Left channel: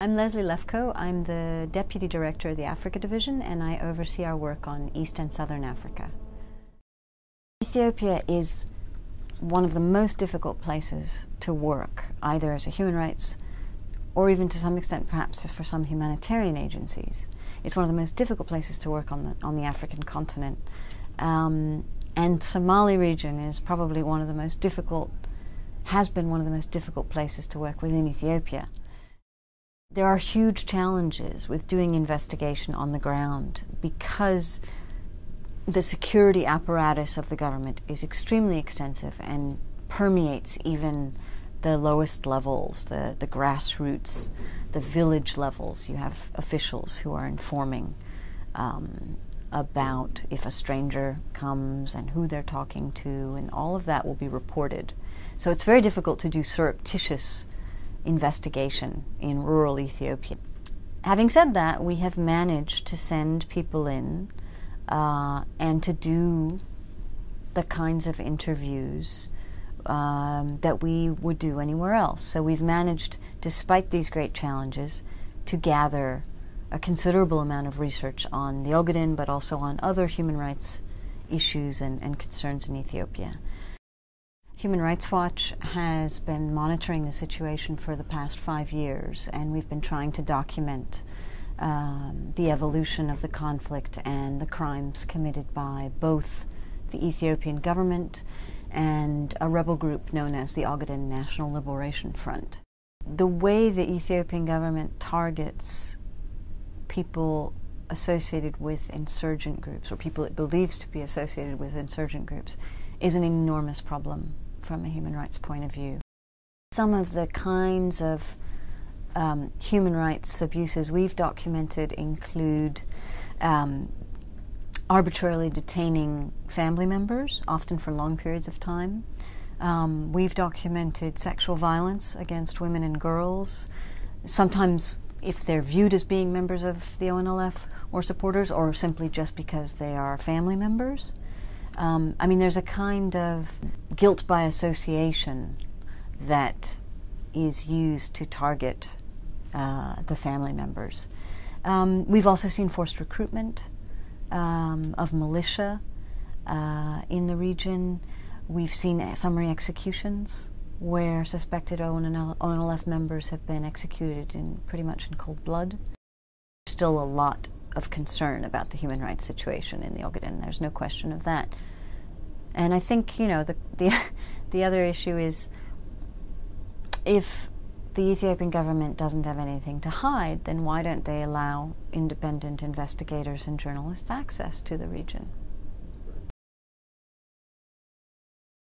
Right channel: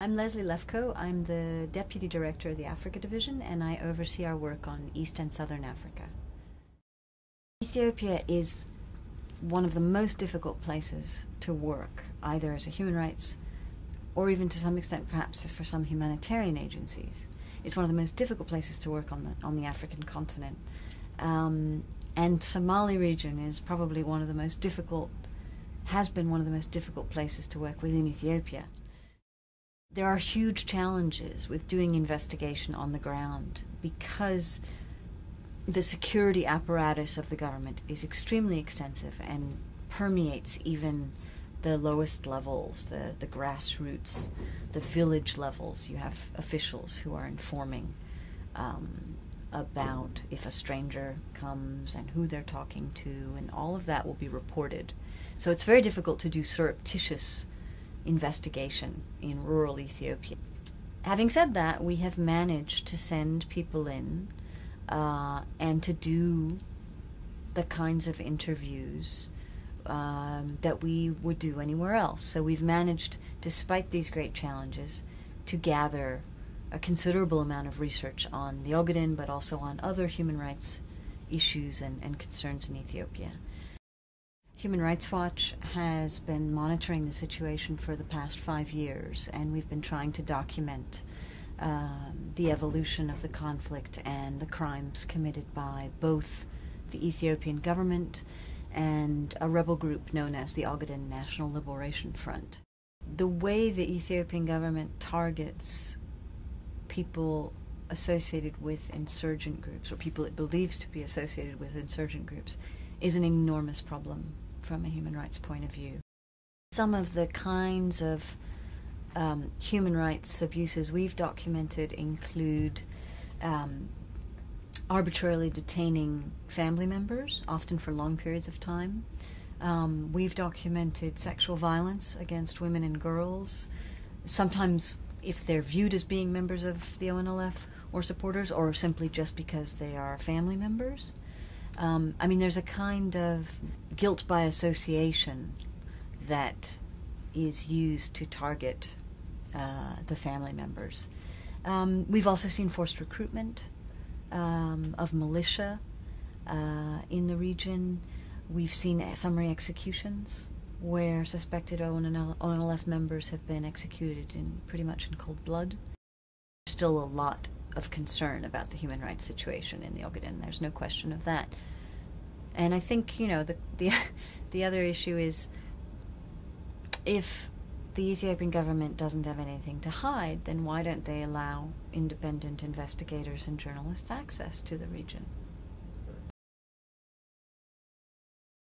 I'm Leslie Lefkow. I'm the Deputy Director of the Africa Division, and I oversee our work on East and Southern Africa. Ethiopia is one of the most difficult places to work, either as a human rights or even to some extent perhaps for some humanitarian agencies. It's one of the most difficult places to work on the African continent. And Somali region is probably one of the most difficult, has been one of the most difficult places to work within Ethiopia. There are huge challenges with doing investigation on the ground because the security apparatus of the government is extremely extensive and permeates even the lowest levels, the grassroots, the village levels. You have officials who are informing about if a stranger comes and who they're talking to, and all of that will be reported. So it's very difficult to do surreptitious investigation in rural Ethiopia. Having said that, we have managed to send people in and to do the kinds of interviews that we would do anywhere else. So we've managed, despite these great challenges, to gather a considerable amount of research on the Ogaden, but also on other human rights issues and concerns in Ethiopia. Human Rights Watch has been monitoring the situation for the past 5 years, and we've been trying to document the evolution of the conflict and the crimes committed by both the Ethiopian government and a rebel group known as the Ogaden National Liberation Front. The way the Ethiopian government targets people associated with insurgent groups, or people it believes to be associated with insurgent groups, is an enormous problem from a human rights point of view. Some of the kinds of human rights abuses we've documented include arbitrarily detaining family members, often for long periods of time. We've documented sexual violence against women and girls, sometimes if they're viewed as being members of the ONLF or supporters, or simply just because they are family members. I mean, there's a kind of guilt by association that is used to target the family members. We've also seen forced recruitment of militia in the region. We've seen summary executions where suspected ONLF members have been executed pretty much in cold blood. There's still a lot of concern about the human rights situation in the Ogaden. There's no question of that. And I think, you know, the other issue is, if the Ethiopian government doesn't have anything to hide, then why don't they allow independent investigators and journalists access to the region?